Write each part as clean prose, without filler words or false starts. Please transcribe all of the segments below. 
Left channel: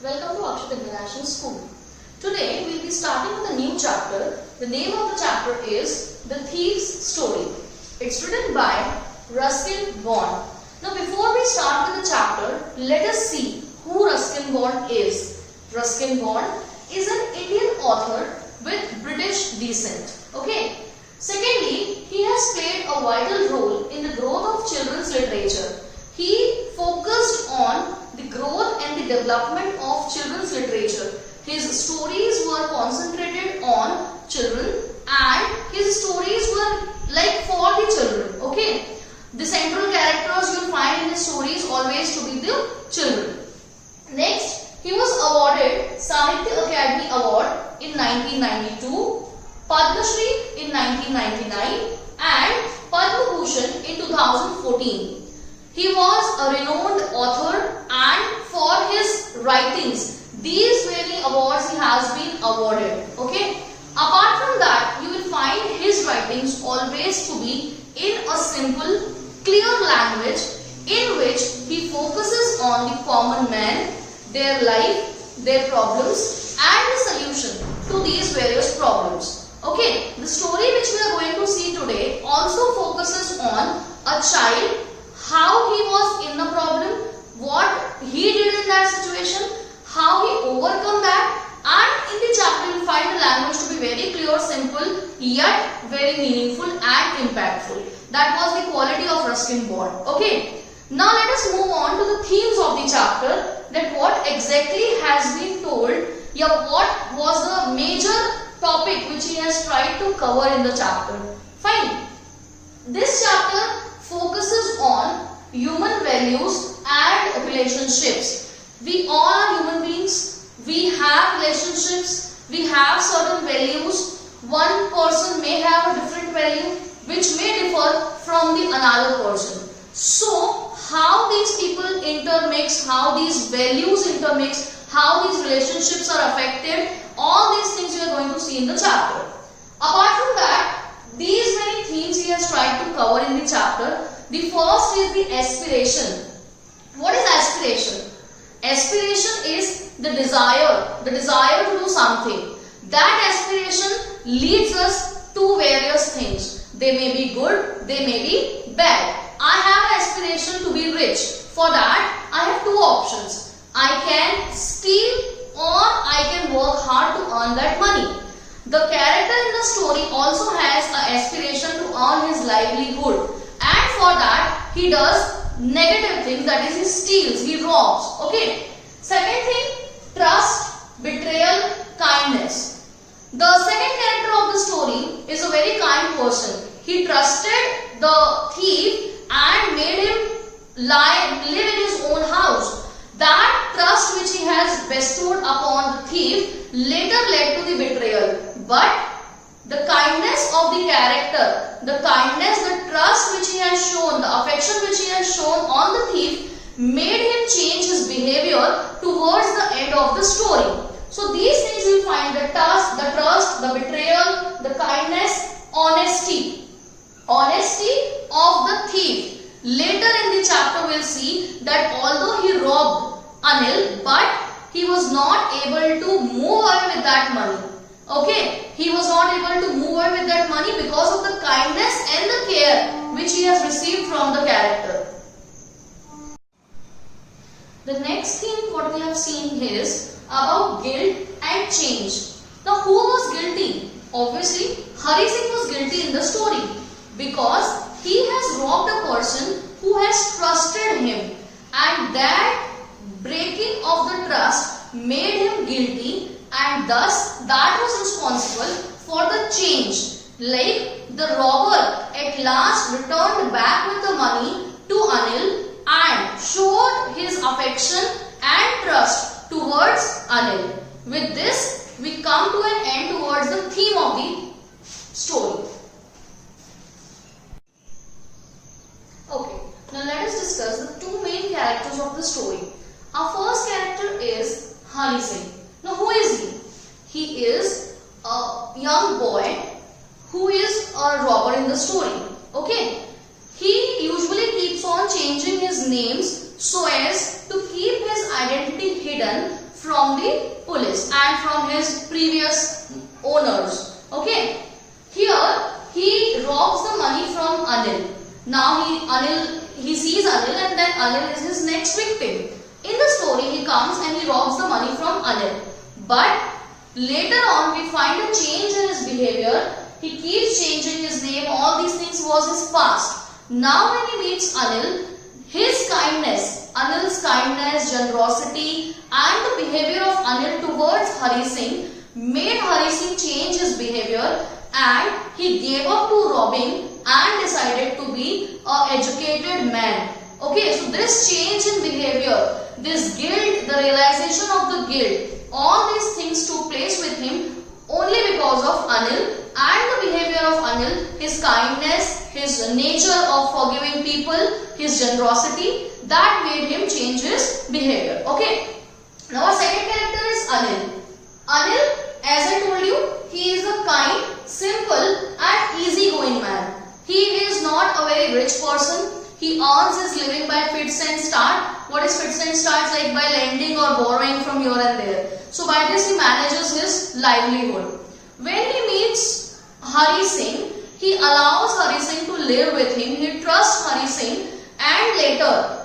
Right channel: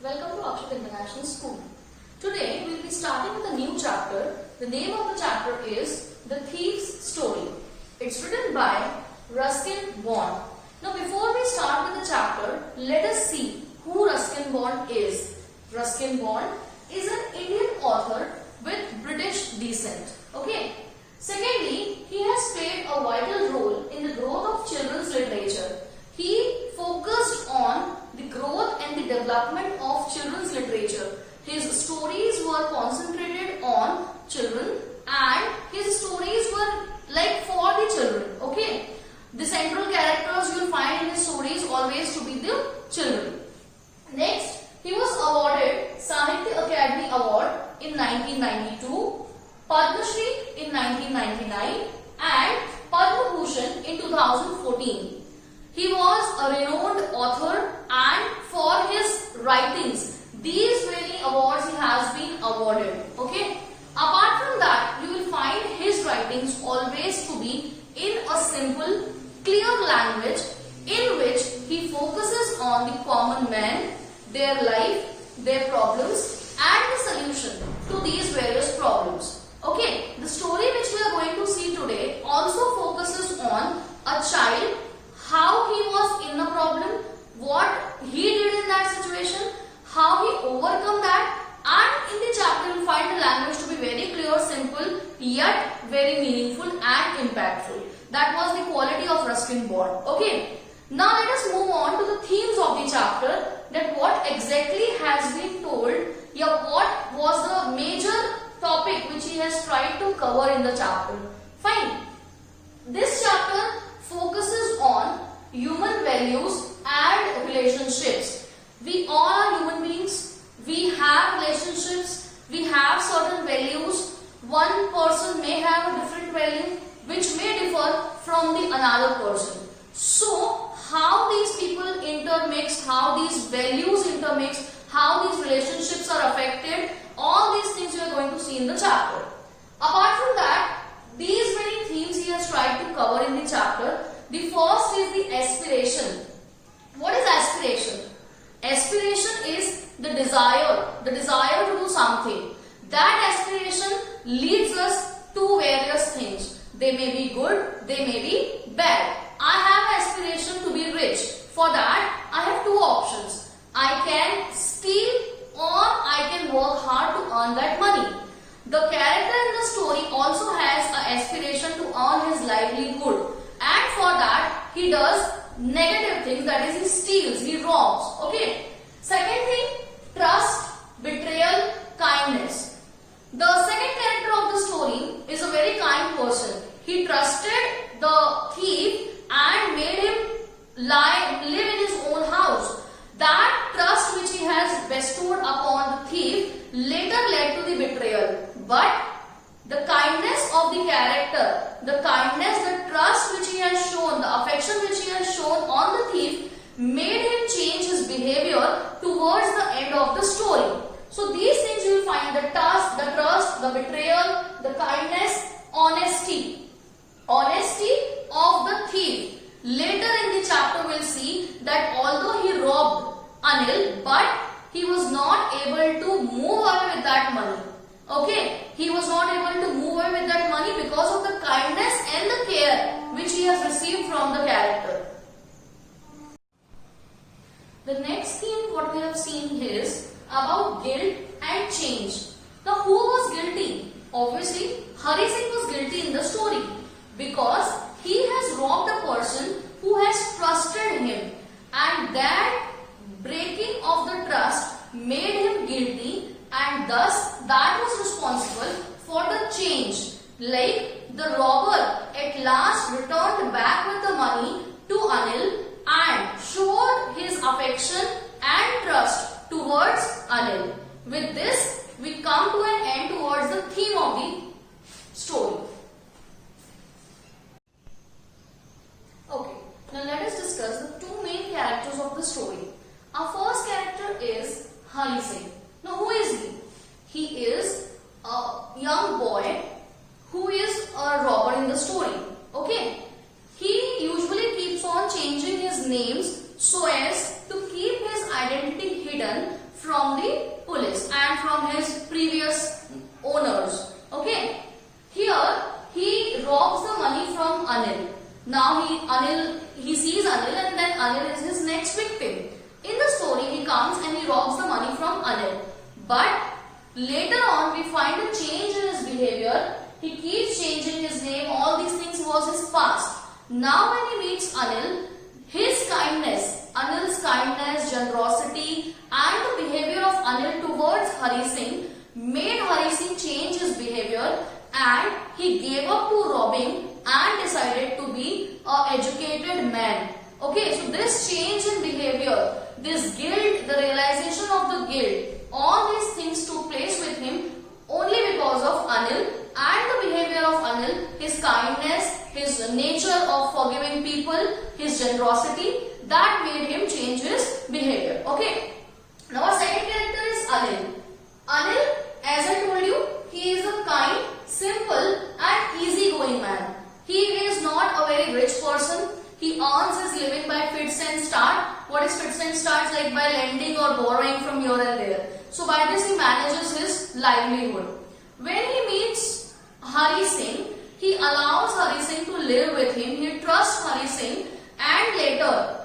Welcome to Akshat International School. Today we will be starting with a new chapter. The name of the chapter is The Thief's Story. It's written by Ruskin Bond. Now before we start with the chapter, let us see who Ruskin Bond is. Ruskin Bond is an Indian author with British descent. Okay. Secondly, he has played a vital role in the growth of children's literature. He focused on the growth and the development of children's literature. His stories were concentrated on children and his stories were like for the children. Okay. The central characters you will find in his stories always to be the children. Next, he was awarded Sahitya Academy Award in 1992, Padma Shri in 1999 and Padma Bhushan in 2014. He was a renowned author and for his writings, these many awards he has been awarded. Okay. Apart from that, you will find his writings always to be in a simple, clear language in which he focuses on the common man, their life, their problems and the solution to these various problems. Okay, the story which we are going to see today also focuses on a child, how he was in the problem, what he did in that situation, how he overcome that, and in the chapter you will find the language to be very clear, simple, yet very meaningful and impactful. That was the quality of Ruskin Bond. Okay, now let us move on to the themes of the chapter, that what exactly has been told, what was the major topic which he has tried to cover in the chapter. Fine. This chapter focuses on human values and relationships. We all are human beings. We have relationships. We have certain values. One person may have a different value which may differ from the another person. So, how these people intermix, how these values intermix, how these relationships are affected, all these things you are going to see in the chapter. Apart from that, these many themes he has tried to cover in the chapter. The first is the aspiration. What is aspiration? Aspiration is the desire to do something. That aspiration leads us to various things. They may be good, they may be bad. I have an aspiration to be rich. For that, I have two options. I can steal or I can work hard to earn that money. The character in the story also has an aspiration to earn his livelihood. And for that, he does negative things, that is he steals, he robs. Okay. Second thing, trust, betrayal, kindness. The second character of the story is a very kind person. He trusted the thief and made him live in his own house. That trust which he has bestowed upon the thief later led to the betrayal. But the kindness of the character, the kindness, the trust which he has shown, the affection which he has shown on the thief made him change his behavior towards the end of the story. So these things you will find, the trust, the betrayal, the kindness, honesty of the thief. Later in the chapter we will see that although he robbed Anil, but he was not able to move away with that money. Okay, he was not able to move away with that money because of the kindness and the care which he has received from the character. The next theme what we have seen is about guilt and change. Now who was guilty? Obviously Hari Singh was guilty in the story because he has robbed a person who has trusted him, and that breaking of the trust made him guilty, and thus that was responsible for the change. Like the robber at last returned back with the money to Anil and showed his affection and trust towards Anil. With this, we come to an end towards the theme of the story. Okay, now let us discuss the two main characters of the story. Our first character is Hari Singh. Now who is he? He is a young boy who is a robber in the story. Okay, he usually keeps on changing his names so as to keep his identity hidden from Anil. Now he sees Anil, and then Anil is his next victim. In the story, he comes and he robs the money from Anil. But later on, we find a change in his behavior. He keeps changing his name. All these things was his past. Now when he meets Anil, his kindness, Anil's kindness, generosity and the behavior of Anil towards Hari Singh made Hari Singh change his behavior, and he gave up to robbing and decided to be an educated man. Okay, so this change in behavior, this guilt, the realization of the guilt, all these things took place with him only because of Anil and the behavior of Anil, his kindness, his nature of forgiving people, his generosity, that made him change his behavior. Okay. Now our second character is Anil. Anil, as I told you, he is a kind, simple and easygoing man. He is not a very rich person. He earns his living by fits and start. What is fits and starts? Like by lending or borrowing from here and there. So by this he manages his livelihood. When he meets Hari Singh, he allows Hari Singh to live with him. He trusts Hari Singh, and later,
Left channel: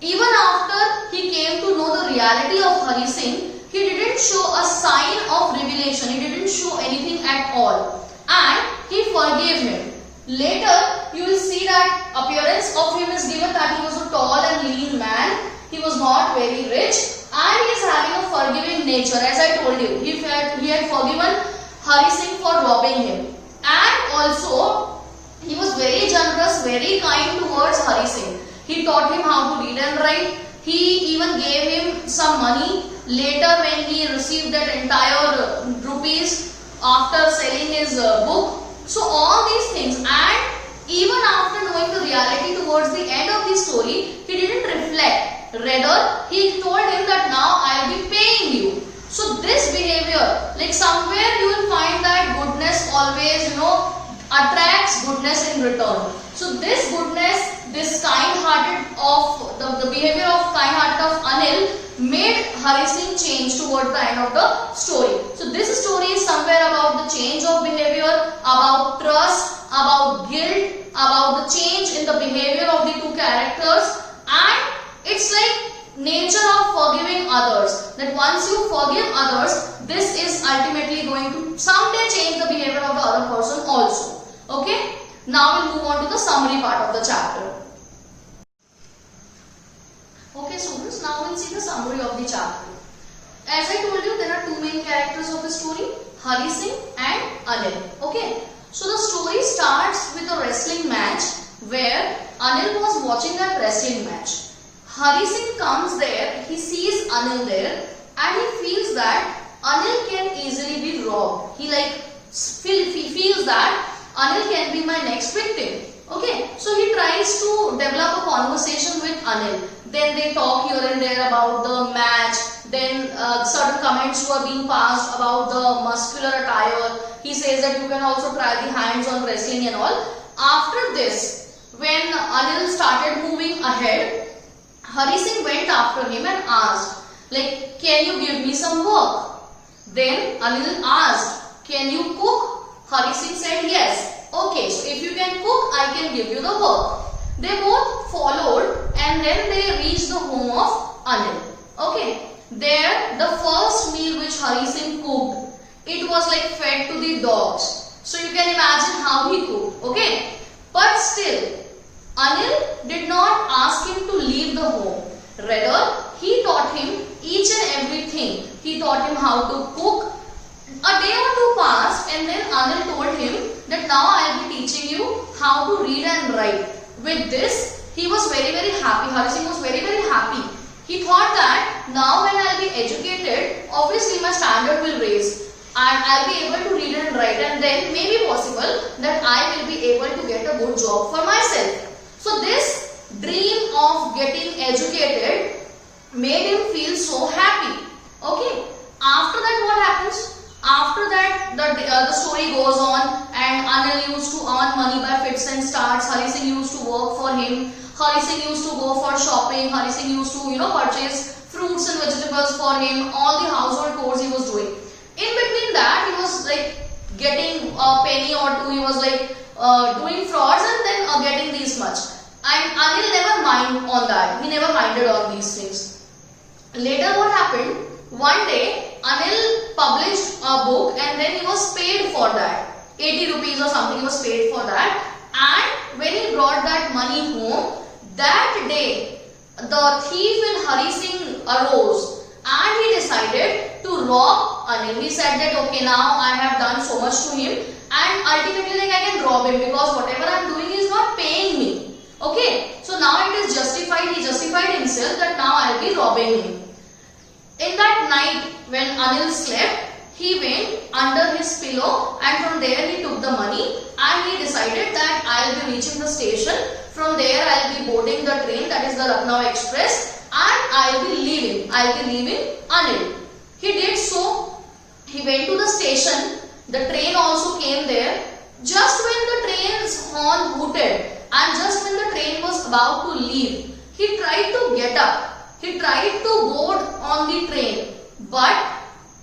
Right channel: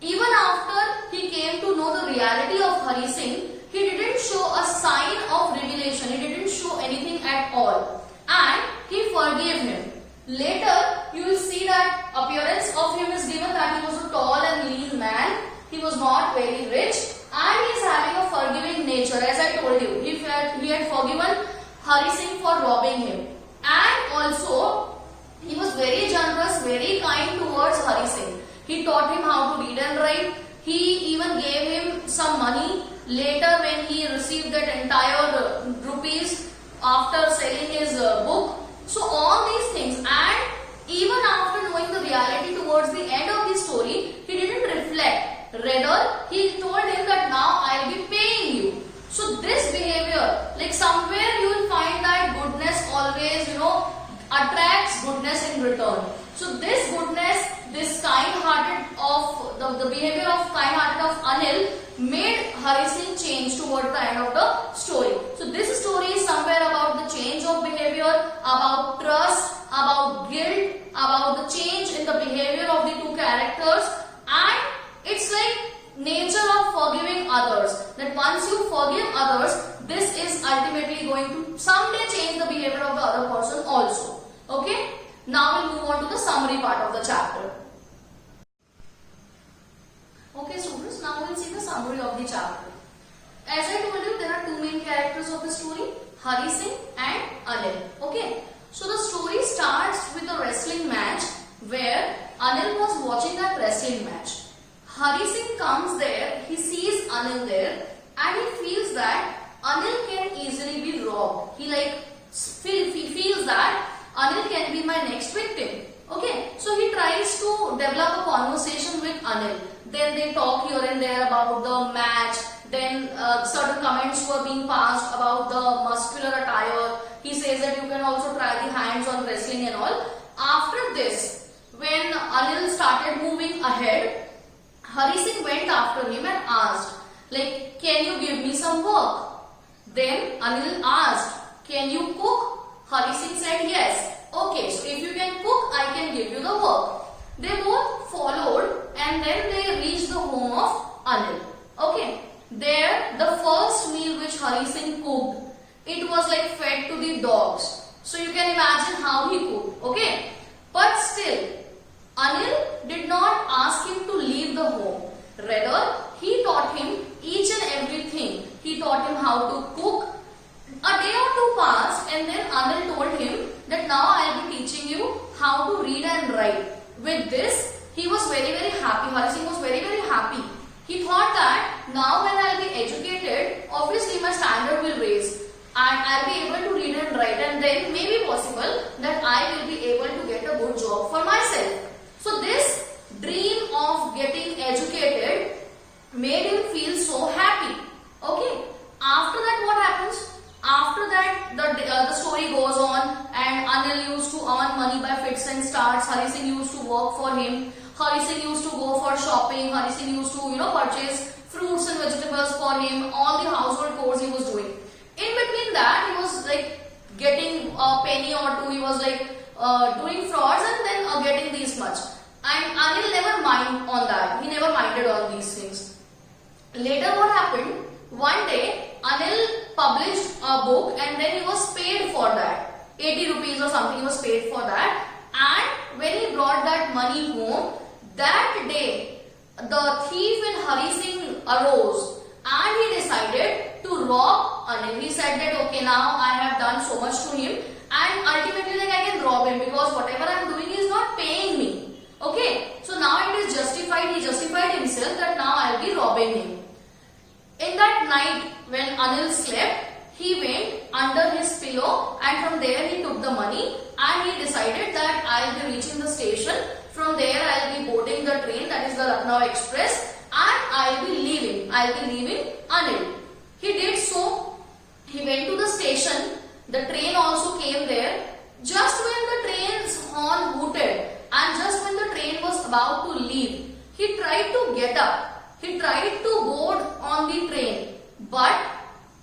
even after he came to know the reality of Hari Singh, he didn't show a sign of revelation. He didn't show anything at all, and he forgave him. Later, you will see that appearance of him is given that he was a tall and lean man. He was not very rich, and he is having a forgiving nature. As I told you, he had forgiven Hari Singh for robbing him, and also he was very generous, very kind towards Hari Singh. He taught him how to read and write. He even gave him some money later when he received that entire rupees after selling his book. So all these things, and even after knowing the reality towards the end of the story, he didn't reflect. Rather, he told him that now I will be paying you. So this behavior, like somewhere you will find that goodness always, attracts goodness in return. So this goodness, this kind-hearted of the behavior of kind-hearted of Anil made Hari Singh change towards the end of the story. So this story is somewhere about the change of behavior, about trust, about guilt, about the change in the behavior of the two characters, and it's like nature of forgiving others, that once you forgive others, this is ultimately going to someday change the behavior of the other person also. Okay, now we'll move on to the summary part of the chapter. Okay students, now we'll see the summary of the chapter. As I told you, there are two main characters of the story, Hari Singh and Anil. Okay, so the story starts with a wrestling match where Anil was watching that wrestling match. Hari Singh comes there, he sees Anil there, and he feels that Anil can easily be robbed. He feels that Anil can be my next victim. Okay, so he tries to develop a conversation with Anil. Then they talk here and there about the match. Then certain comments were being passed about the muscular attire. He says that you can also try the hands on wrestling and all. After this, when Anil started moving ahead, Hari Singh went after him and asked, like, can you give me some work? Then Anil asked, can you cook? Hari Singh said yes. Okay, so if you can cook, I can give you the work. They both followed, and then they reached the home of Anil. Okay, there the first meal which Hari Singh cooked, it was like fed to the dogs. So you can imagine how he cooked. Okay, but still, Anil did not ask him to leave the home. Rather, he taught him each and everything. He taught him how to cook. A day or two passed, and then Anil told him that now I will be teaching you how to read and write. With this, he was very happy. Hari Singh was very happy. He thought that now when I will be educated, obviously my standard will raise, and I will be able to read and write, and then maybe possible that I will be able to get a good job for myself. So this dream of getting educated made him feel so happy. Okay. After that, what happens? After that, the story goes on, and Anil used to earn money by fits and starts. Hari Singh used to work for him. Hari Singh used to go for shopping. Hari Singh used to, purchase fruits and vegetables for him. All the household chores he was doing. In between that, he was like getting a penny or two. He was like doing frauds and then getting these much. And Anil never mind on that. He never minded on these things. Later what happened? One day Anil published a book and then he was paid for that. 80 rupees or something he was paid for that. And when he brought that money home, that day the thief in Hari Singh arose and he decided to rob Anil. He said that okay, now I have done so much to him and ultimately like I can rob him because whatever I am doing is not paying me. Okay, so now it is justified. He justified himself that now I will be robbing him. In that night when Anil slept, he went under his pillow and from there he took the money and he decided that I will be reaching the station. From there I will be boarding the train, that is the Lucknow Express, and I will be leaving. I will be leaving Anil. He did so. He went to the station. The train also came there. Just when the train's horn hooted and just when the train was about to leave, he tried to get up. He tried to board on the train, but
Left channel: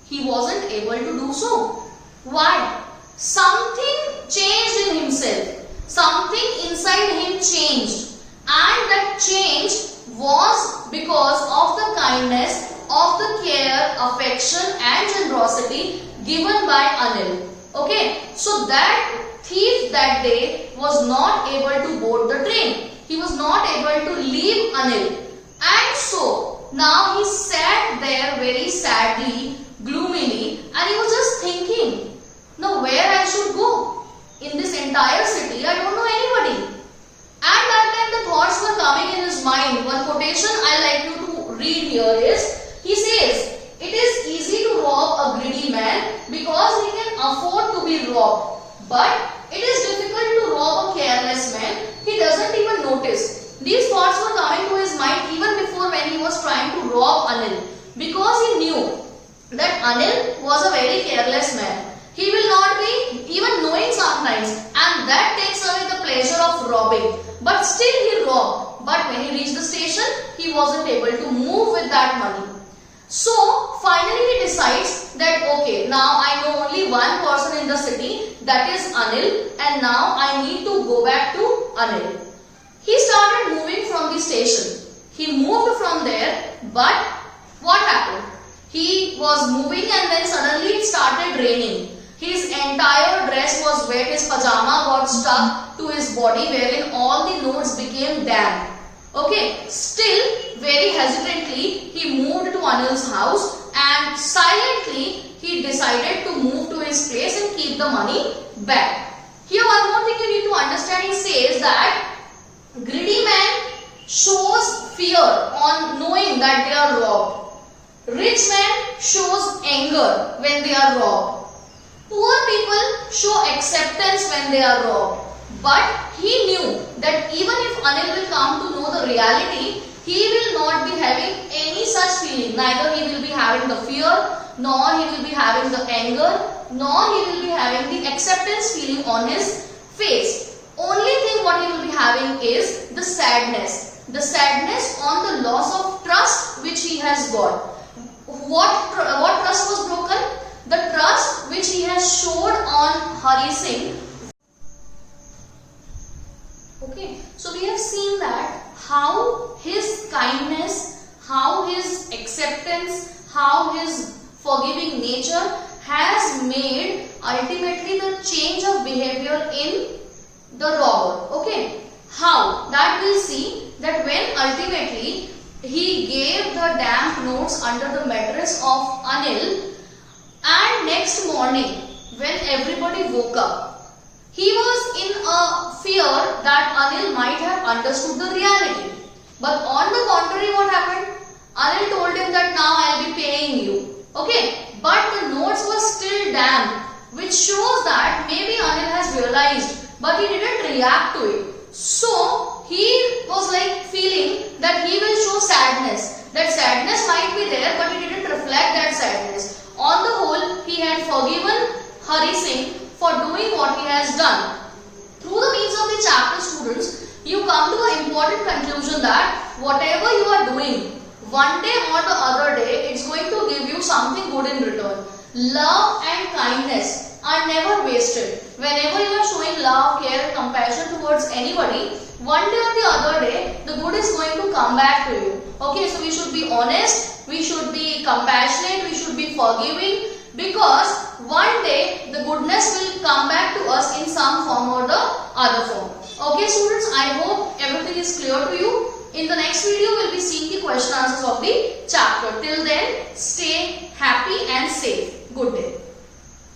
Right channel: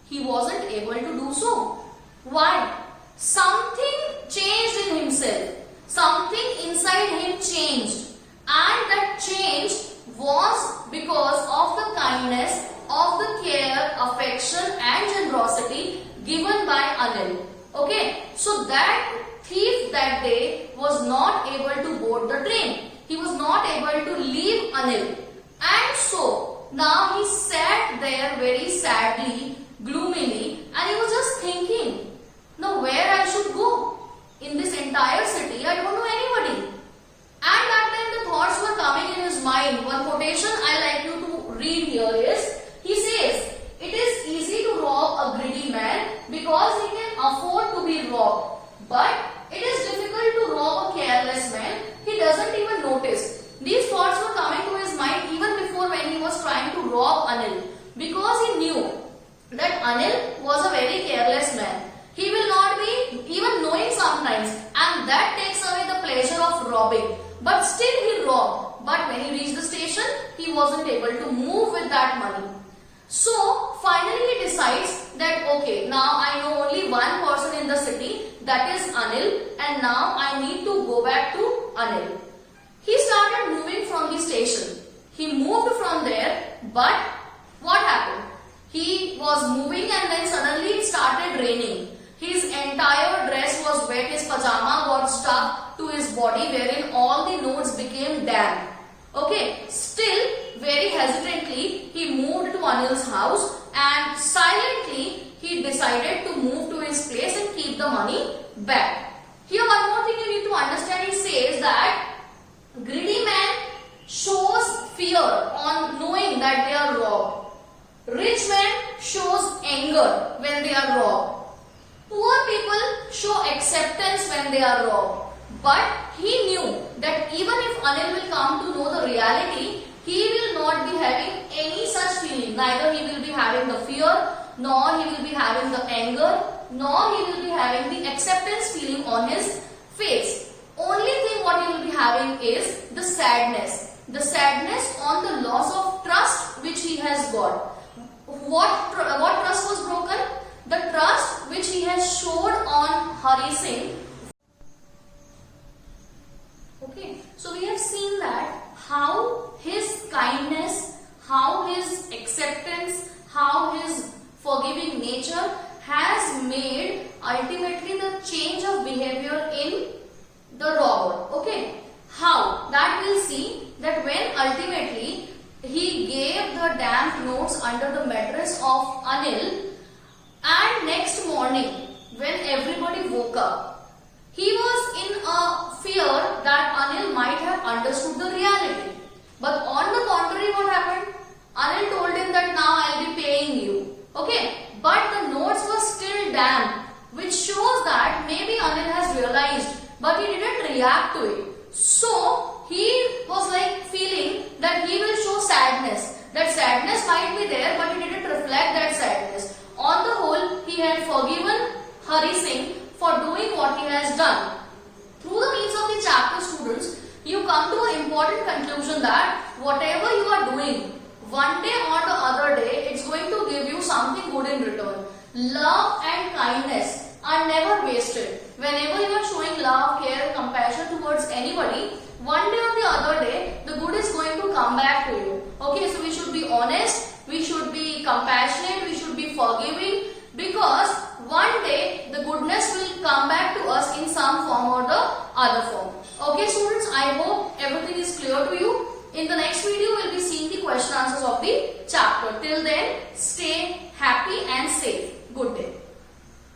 he wasn't able to do so. Why? Something changed in himself. Something inside him changed. And that change was because of the kindness, of the care, affection and generosity given by Anil. Okay, so that thief that day was not able to board the train. He was not able to leave Anil. And so now he sat there very sadly, gloomily, and he was just thinking, now where I should go? In this entire city, I don't know anybody. And that time the thoughts were coming in his mind. One quotation I like you to read here is, he says, it is easy to rob a greedy man because he can afford to be robbed. But it is difficult to rob a careless man. He doesn't even notice. These thoughts were coming to his mind even before when he was trying to rob Anil. Because he knew that Anil was a very careless man. He will not be even knowing sometimes, and that takes away the pleasure of robbing. But still he robbed. But when he reached the station, he wasn't able to move with that money. So finally he decides that okay, now I know only one person in the city, that is Anil, and now I need to go back to Anil. He started moving from the station. He moved from there, but what happened? He was moving and then suddenly it started raining. His entire dress was wet, his pajama got stuck to his body wherein all the notes became damp. Okay, still very hesitantly he moved to Anil's house and silently he decided to move to his place and keep the money back. Here one more thing you need to understand, he says that greedy man shows fear on knowing that they are robbed. Rich man shows anger when they are robbed. Poor people show acceptance when they are robbed. But he knew that even if Anil will come to know the reality, he will not be having any such feeling. Neither he will be having the fear, nor he will be having the anger, nor he will be having the acceptance feeling on his face. Only thing what he will be having is the sadness. The sadness on the loss of trust which he has got. What trust was broken? The trust which he has showed on Hari Singh. Okay, so we have seen that how his kindness, how his acceptance, how his forgiving nature has made ultimately the change of behavior in the robber. Okay, how? That we'll see that when ultimately he gave the damp notes under the mattress of Anil, and next morning when everybody woke up, he was in a fear that Anil might have understood the reality. But on the contrary, what happened? Anil told him that now I'll be paying you. Okay, but the notes were still damp, which shows that maybe Anil has realized, but he didn't react to it. So he was like feeling that he will show sadness. That sadness might be there, but he didn't reflect that sadness. On the whole, he had forgiven Hari Singh for doing what he has done. Through the means of the chapter, students, you come to an important conclusion that whatever you are doing, one day or the other day, it's going to give you something good in return. Love and kindness are never wasted. Whenever you are showing love, care and compassion towards anybody, one day or the other day, the good is going to come back to you. Okay, so we should be honest, we should be compassionate, we should be forgiving, because one day the goodness will come back to us in some form or the other form. Okay students, I hope everything is clear to you. In the next video, we will be seeing the question answers of the chapter. Till then, stay happy and safe. Good day.